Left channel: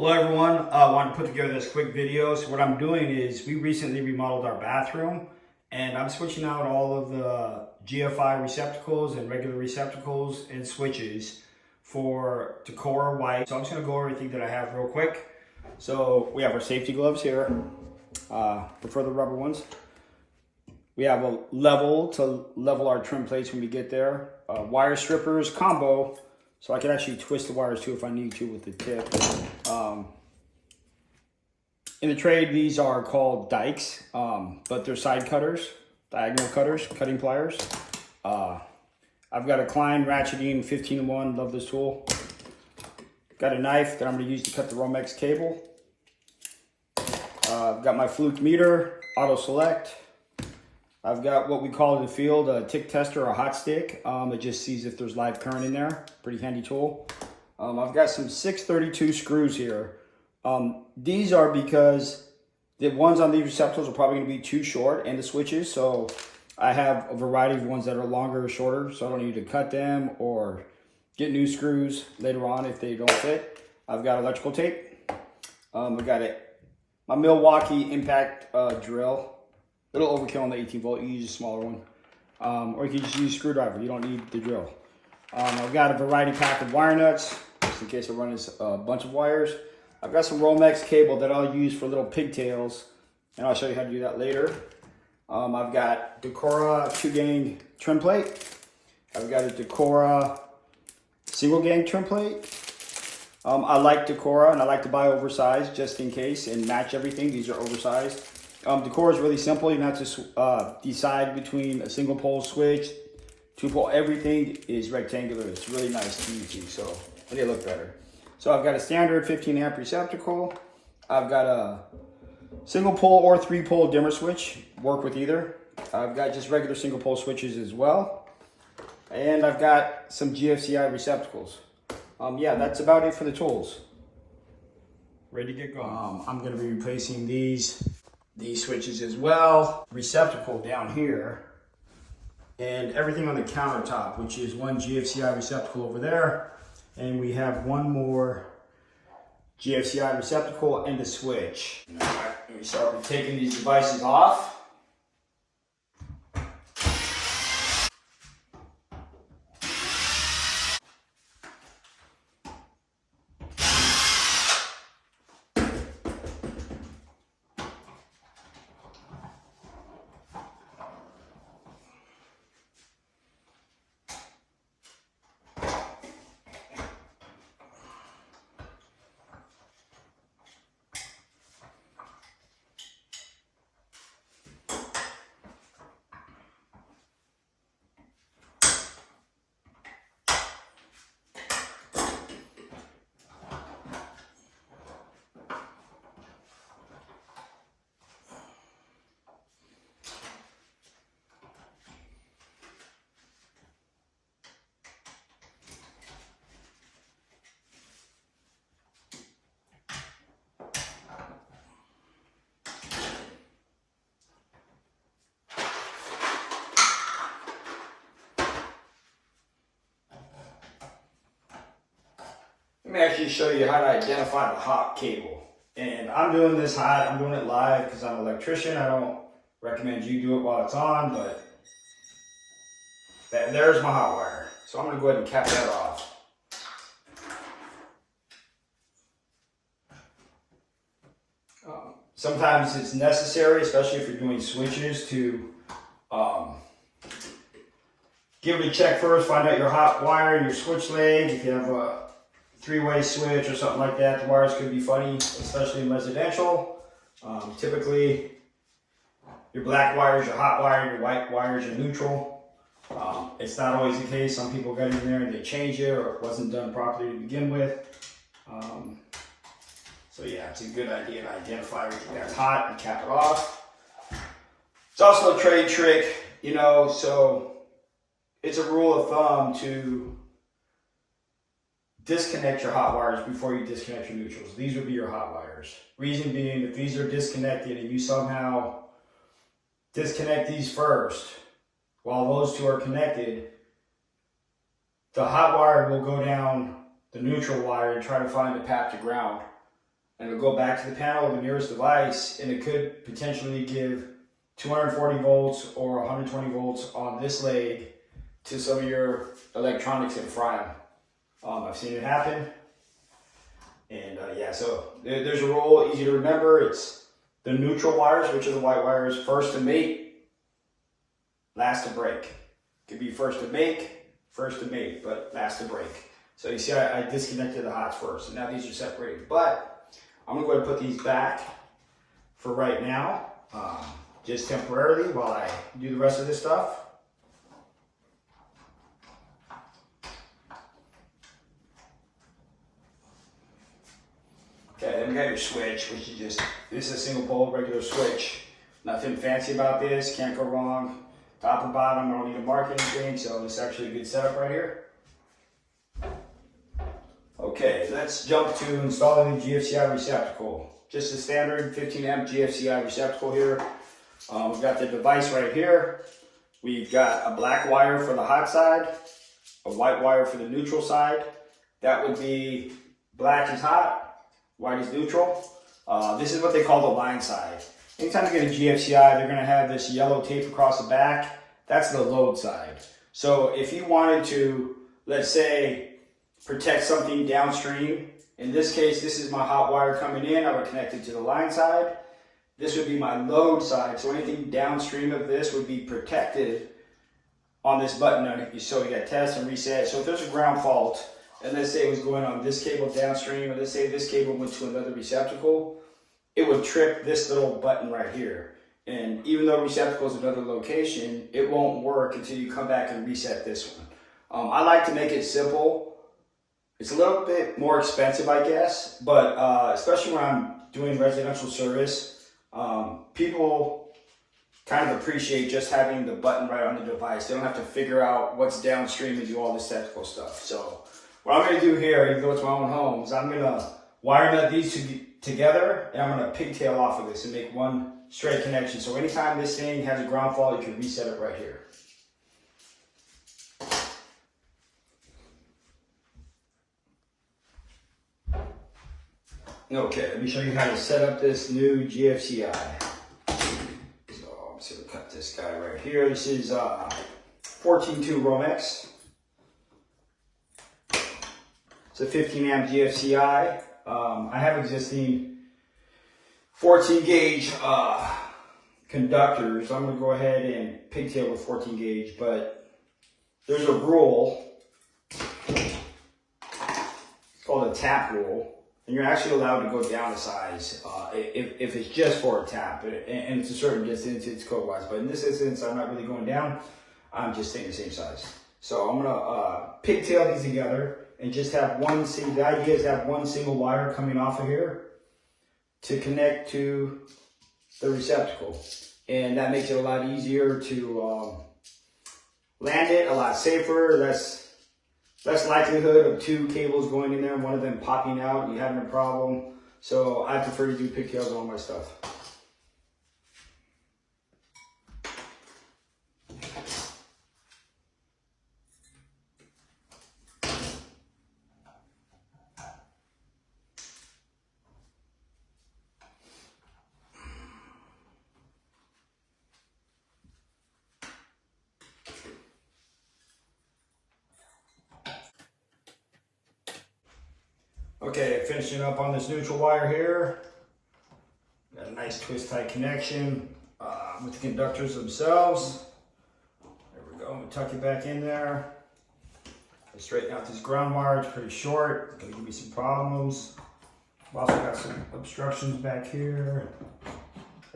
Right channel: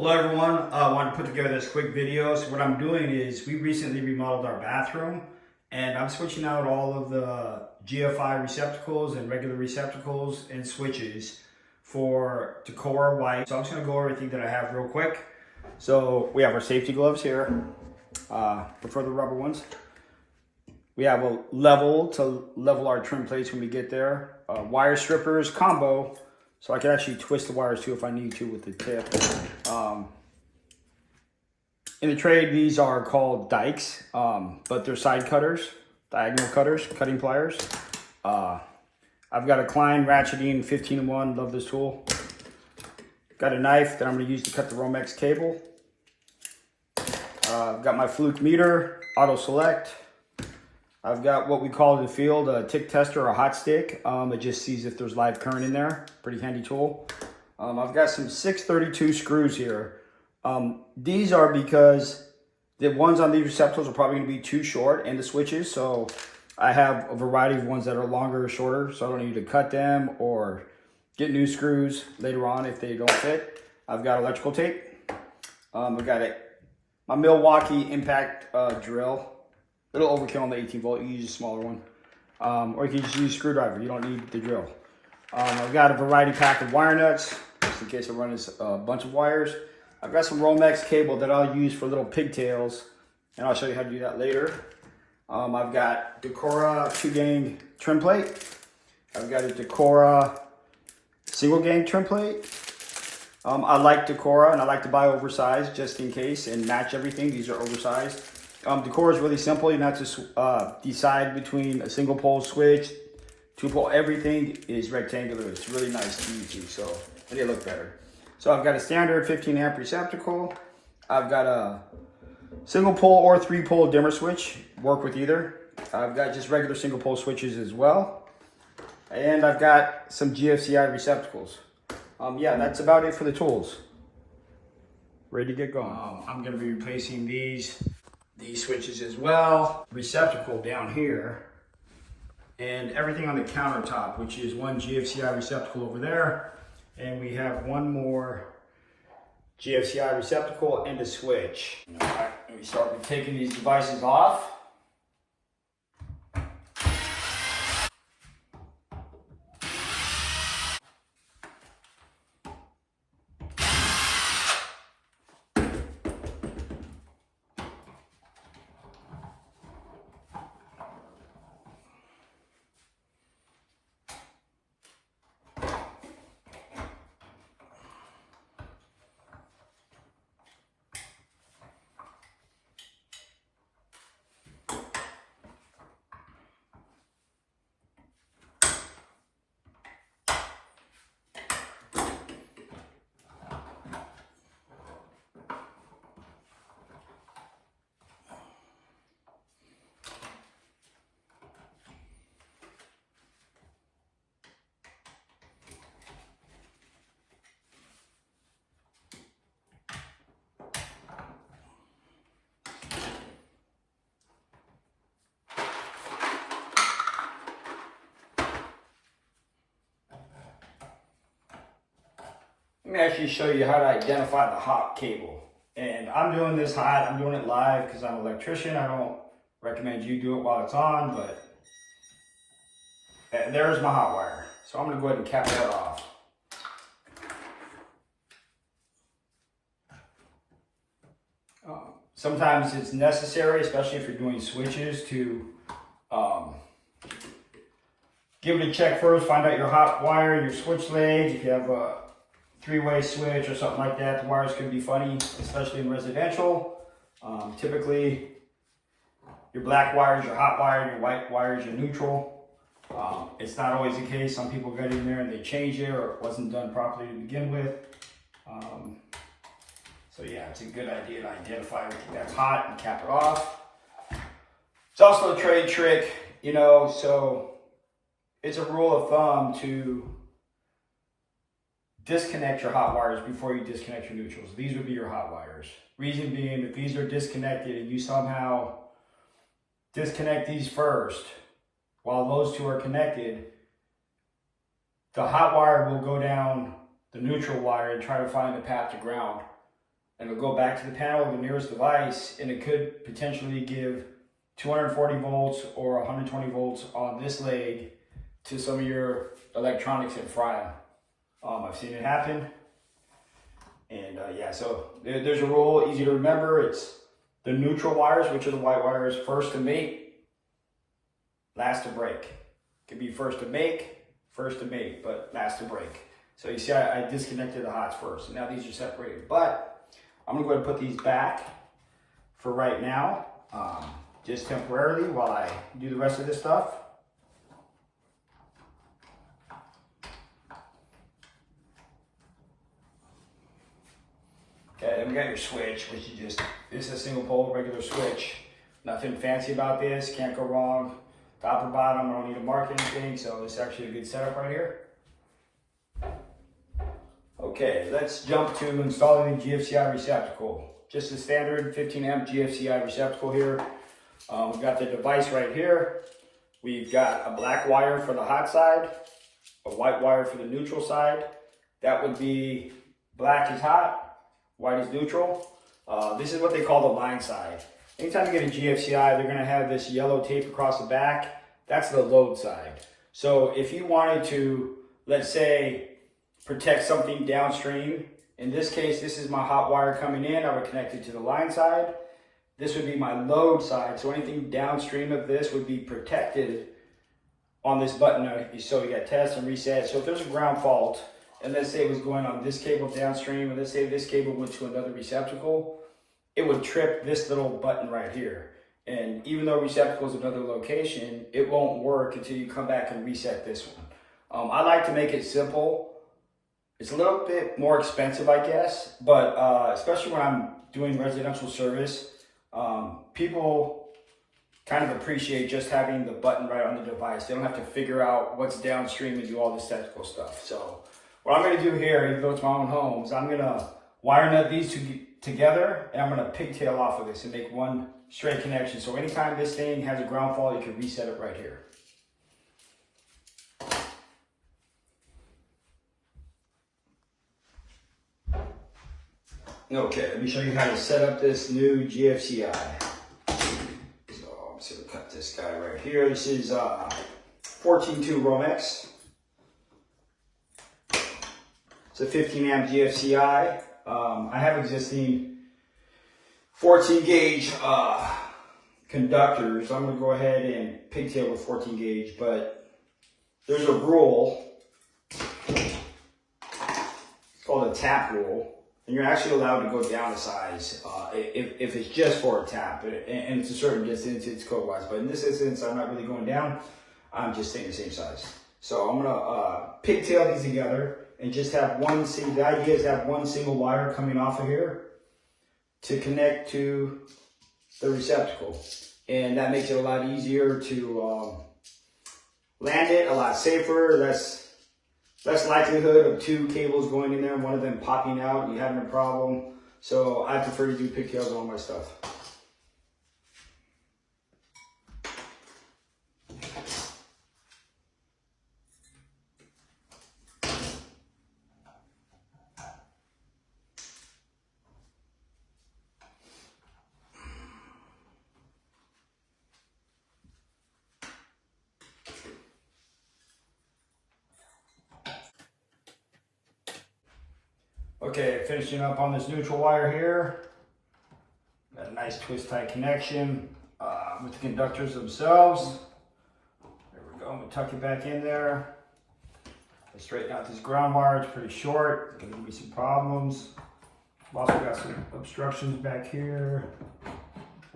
Hello everyone, I want to put together this quick video. So what I'm doing is we recently remodeled our bathroom and I'm switching out all of the GFCI receptacles and regular receptacles and switches for Decora white. So I'm just going to go over everything that I have real quick. So we have our safety gloves here, prefer the rubber ones. We have a level to level our trim plates when we get there. Wire strippers combo. So I can actually twist the wires too if I need to with the tip. In the trade, these are called dikes, but they're side cutters, diagonal cutters, cutting pliers. I've got a Klein ratcheting 15-in-1, love this tool. Got a knife that I'm gonna use to cut the Romex cable. I've got my fluke meter, auto select. I've got what we call in the field a tick tester or a hot stick. It just sees if there's live current in there. Pretty handy tool. I've got some 632 screws here. These are because the ones on these receptacles are probably going to be too short, and the switches. So I have a variety of ones that are longer or shorter, so I don't need to cut them or get new screws later on if they don't fit. I've got electrical tape. I've got my Milwaukee impact drill. Little overkill on the 18 volt, you use a smaller one. Or you can just use a screwdriver, you don't need the drill. I've got a variety pack of wire nuts, just in case I run a bunch of wires. I've got some Romex cable that I'll use for little pigtails, and I'll show you how to do that later. I've got Decora 2-gang trim plate. I've got a Decora single gang trim plate. I like Decora, and I like to buy oversized just in case and match everything. These are oversized. Decora is really simple. You don't have to decide between a single pole switch, 2-pole. Everything is rectangular. It's really nice to use, so they look better. So I've got a standard 15-amp receptacle. I've got a single pole or 3-pole dimmer switch. Work with either. I've got just regular single pole switches as well. And I've got some GFCI receptacles. Yeah, that's about it for the tools. Ready to get going. I'm going to be replacing these switches as well. Receptacle down here. And everything on the countertop, which is one GFCI receptacle over there. And we have one more GFCI receptacle and a switch. All right, let me start with taking these devices off. Let me actually show you how to identify the hot cable. And I'm doing this hot, I'm doing it live because I'm an electrician. I don't recommend you do it while it's on, but there's my hot wire. So I'm gonna go ahead and cap that off. Sometimes it's necessary, especially if you're doing switches, to give it a check first, find out your hot wire, your switch lanes. If you have a 3-way switch or something like that, the wires could be funny, especially in residential. Typically, your black wire is your hot wire, your white wire is your neutral. It's not always the case. Some people got in there and they change it, or it wasn't done properly to begin with. So yeah, it's a good idea to identify everything that's hot and cap it off. It's also a trade trick, you know, so it's a rule of thumb to disconnect your hot wires before you disconnect your neutrals. These would be your hot wires. Reason being, if these are disconnected and you somehow disconnect these first while those two are connected, the hot wire will go down the neutral wire and try to find a path to ground. and it'll go back to the panel of the nearest device, and it could potentially give 240 volts or 120 volts on this leg to some of your electronics and fry them. I've seen it happen. And yeah, so there's a rule, easy to remember. It's the neutral wires, which are the white wires, first to mate, last to break. It could be first to make, but last to break. So you see I disconnected the hots first, and now these are separated. But I'm gonna go ahead and put these back for right now, just temporarily while I do the rest of this stuff. Okay, then we got your switch, which is just, this is a single pole, regular switch. Nothing fancy about this, can't go wrong. Top or bottom, I don't need to mark anything, so it's actually a good setup right here. Okay, let's jump to installing the GFCI receptacle. Just a standard 15 amp GFCI receptacle here. We've got the device right here. We've got a black wire for the hot side, a white wire for the neutral side. That would be black is hot, white is neutral. This is what they call the line side. Anytime you get a GFCI, they're gonna have this yellow tape across the back. That's the load side. So if you wanted to, let's say, protect something downstream, in this case, this is my hot wire coming in, I would connect it to the line side. This would be my load side. So anything downstream of this would be protected on this button. So you got test and reset. So if there's a ground fault, and let's say it was going on this cable downstream, and let's say this cable went to another receptacle, it would trip this little button right here. And even though receptacle is another location, it won't work until you come back and reset this one. I like to make it simple. It's a little bit more expensive, I guess, but especially when I'm doing residential service, people kind of appreciate just having the button right on the device. They don't have to figure out what's downstream and do all this technical stuff. So what I'm gonna do here, even though it's my own home, is I'm gonna wire nut these two together, and I'm gonna pigtail off of this and make one straight connection. So anytime this thing has a ground fault, you can reset it right here. Okay, let me show you how to set up this new GFCI. So I'm just gonna cut this guy right here. This is 14.2 Romex. It's a 15 amp GFCI. I have existing 14 gauge conductors. I'm gonna go ahead and pigtail with 14 gauge, but there's a rule. It's called a tap rule. And you're actually allowed to go down a size if it's just for a tap, and it's a certain distance, it's code-wise. But in this instance, I'm not really going down. I'm just staying the same size. So I'm gonna pigtail these together and just have one single. The idea is to have one single wire coming off of here to connect to the receptacle, and that makes it a lot easier to land it, a lot safer. Less likelihood of two cables going in there and one of them popping out and you having a problem. So I prefer to do pigtails on all my stuff. Okay, finishing up on this neutral wire here. Got a nice twist tie connection with the conductors themselves. There we go, I'm gonna tuck it back in there. I straighten out this ground wire, it's pretty short. It's gonna give me some problems. I've also got some obstructions back here.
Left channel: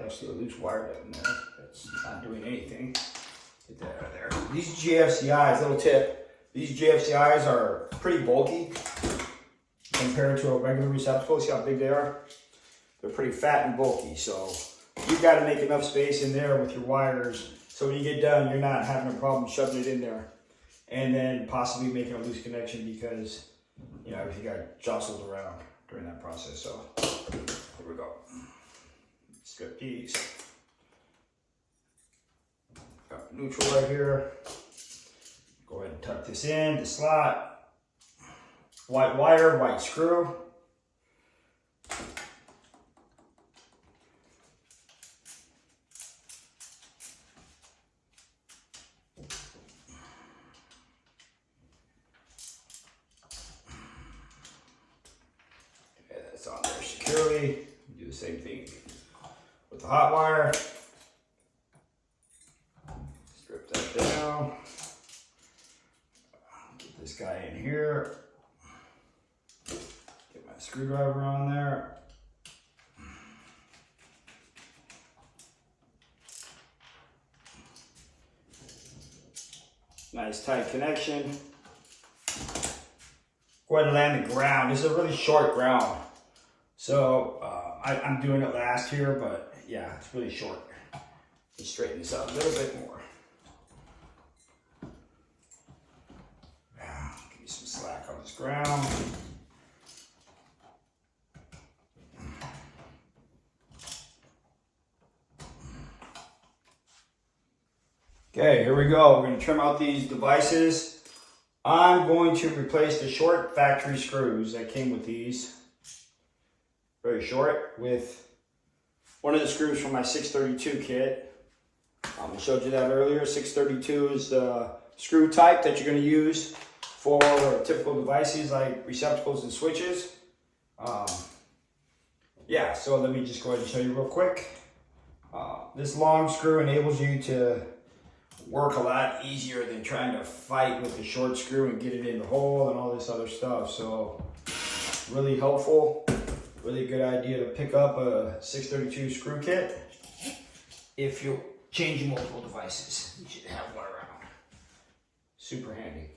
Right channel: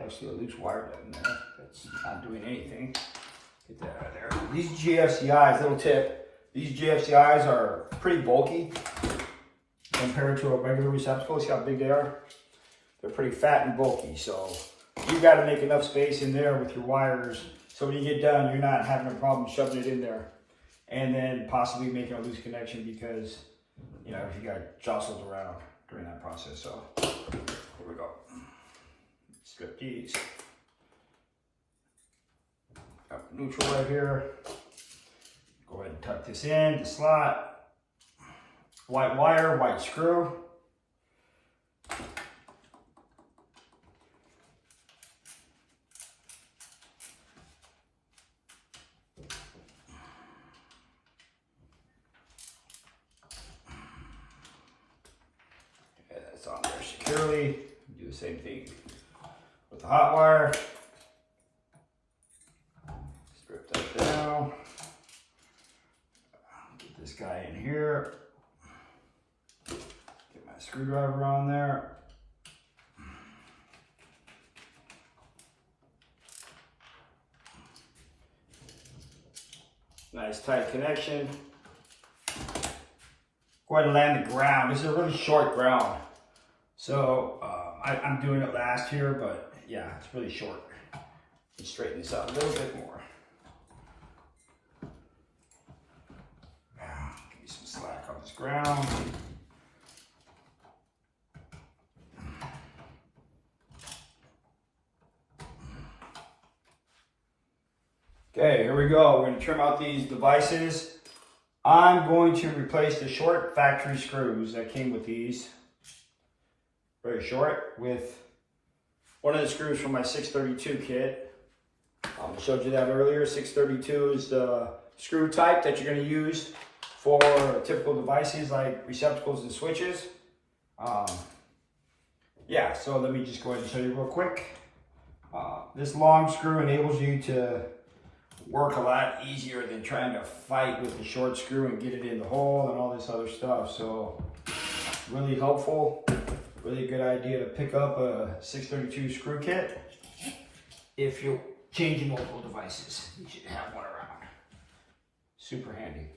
Actually a loose wire right in there. That's not doing anything. Get that out of there. These GFCIs, little tip, these GFCIs are pretty bulky compared to a regular receptacle. See how big they are? They're pretty fat and bulky, so you got to make enough space in there with your wires so when you get done, you're not having a problem shoving it in there and then possibly making a loose connection because, you know, if you got jostled around during that process. So here we go. Strip these. Got the neutral right here. Go ahead and tuck this in the slot. White wire, white screw. that's on there securely. Do the same thing with the hot wire. Strip that down. Get this guy in here. Get my screwdriver on there. Nice tight connection. Go ahead and land the ground. This is a really short ground. So I'm doing it last here, but yeah, it's really short. Let's straighten this out a little bit more. Give me some slack on this ground. Okay, here we go. We're going to trim out these devices. I'm going to replace the short factory screws that came with these. Very short, with one of the screws from my 632 kit. I showed you that earlier. 632 is the screw type that you're going to use for typical devices like receptacles and switches. Yeah, so let me just go ahead and show you real quick. This long screw enables you to work a lot easier than trying to fight with the short screw and get it in the hole and all this other stuff. So really helpful, really good idea to pick up a 632 screw kit if you're changing multiple devices. You should have one around. Super handy.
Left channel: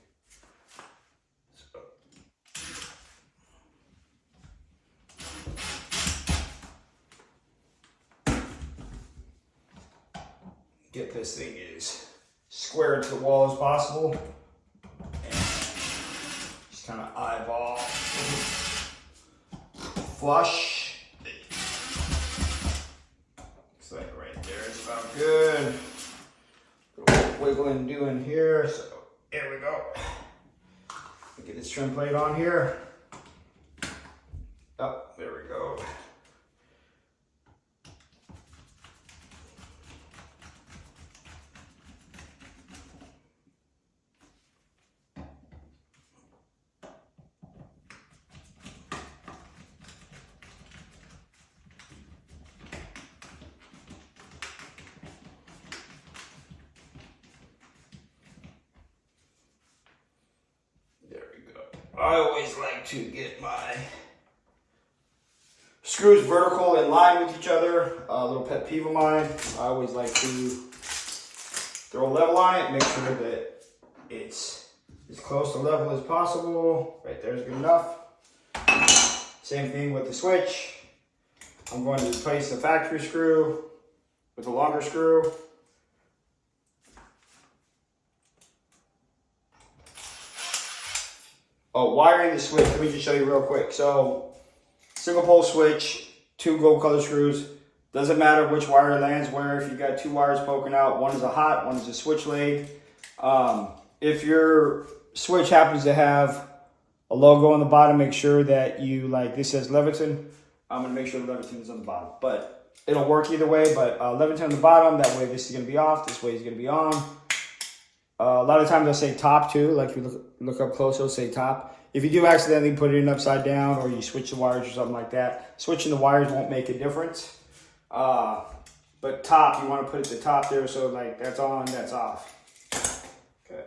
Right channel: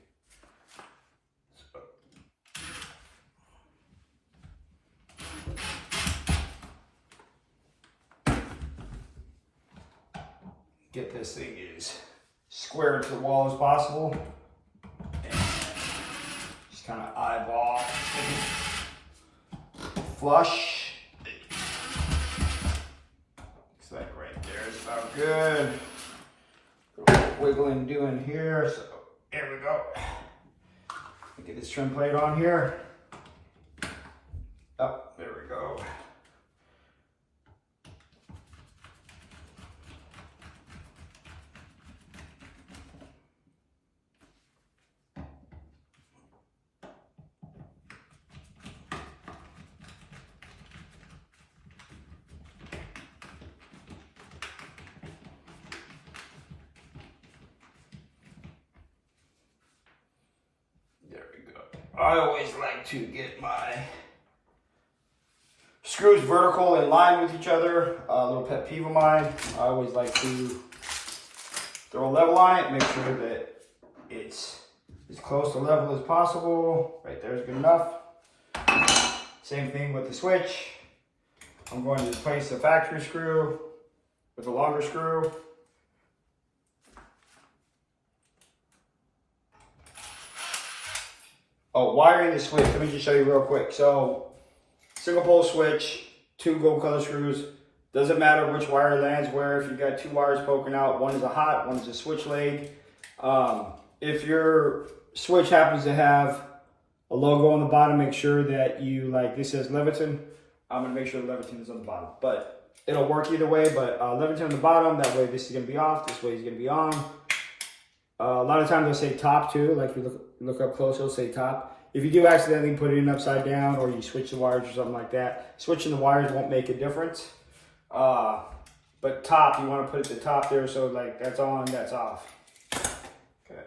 Get this thing as square into the wall as possible, and just kind of eyeball flush. Looks like right there is about good. A little wiggling doing here, so here we go. Get this trim plate on here. Oh, there we go. I always like to get my screws vertical in line with each other. A little pet peeve of mine. I always like to throw a level on it, make sure that it's as close to level as possible. Right there is good enough. Same thing with the switch. I'm going to replace the factory screw with a longer screw. Oh, wiring the switch, let me just show you real quick. So, single pole switch, 2 gold color screws. Doesn't matter which wire lands where. If you've got 2 wires poking out, one is a hot, one is a switch leg. If your switch happens to have a logo on the bottom, make sure that you, like this says Leviton. I'm gonna make sure the Leviton is on the bottom. But it'll work either way, but Leviton on the bottom, that way this is gonna be off, this way is gonna be on. A lot of times they'll say top too, like if you look up close, it'll say top. If you do accidentally put it in upside down or you switch the wires or something like that, switching the wires won't make a difference. But top, you want to put it at the top there, so like that's on, that's off. Okay.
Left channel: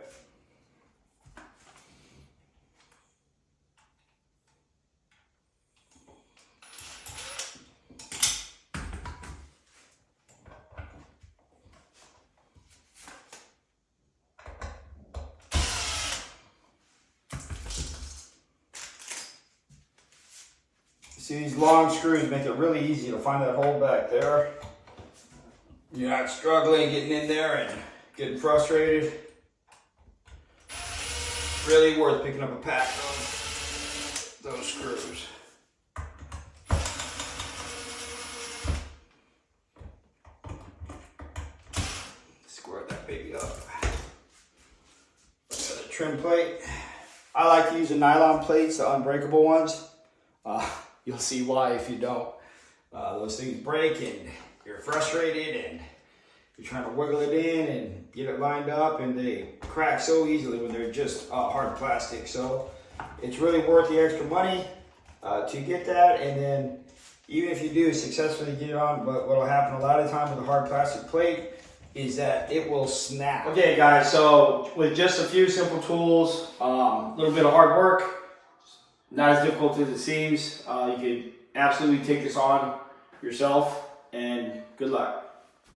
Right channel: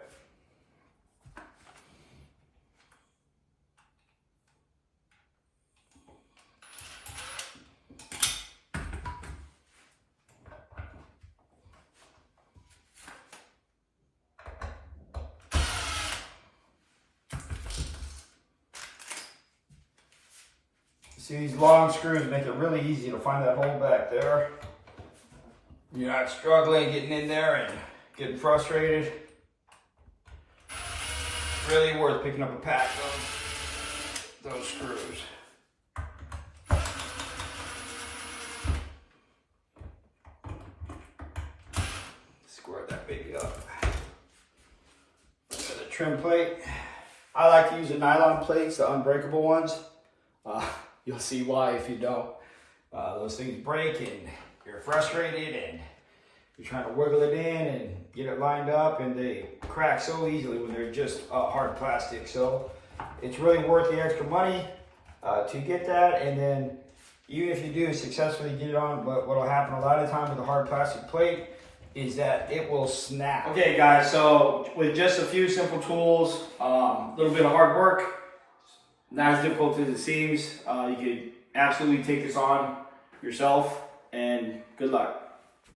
See, these long screws make it really easy to find that hole back there. You're not struggling getting in there and getting frustrated. Really worth picking up a pack of those screws. Square that baby up. Got a trim plate. I like to use the nylon plates, the unbreakable ones. You'll see why if you don't. Those things break and you're frustrated and you're trying to wiggle it in and get it lined up, and they crack so easily when they're just hard plastic. So it's really worth the extra money. to get that. And then even if you do successfully get it on, what will happen a lot of time with a hard plastic plate is that it will snap. Okay guys, so with just a few simple tools, a little bit of hard work, not as difficult as it seems, you could absolutely take this on yourself, and good luck.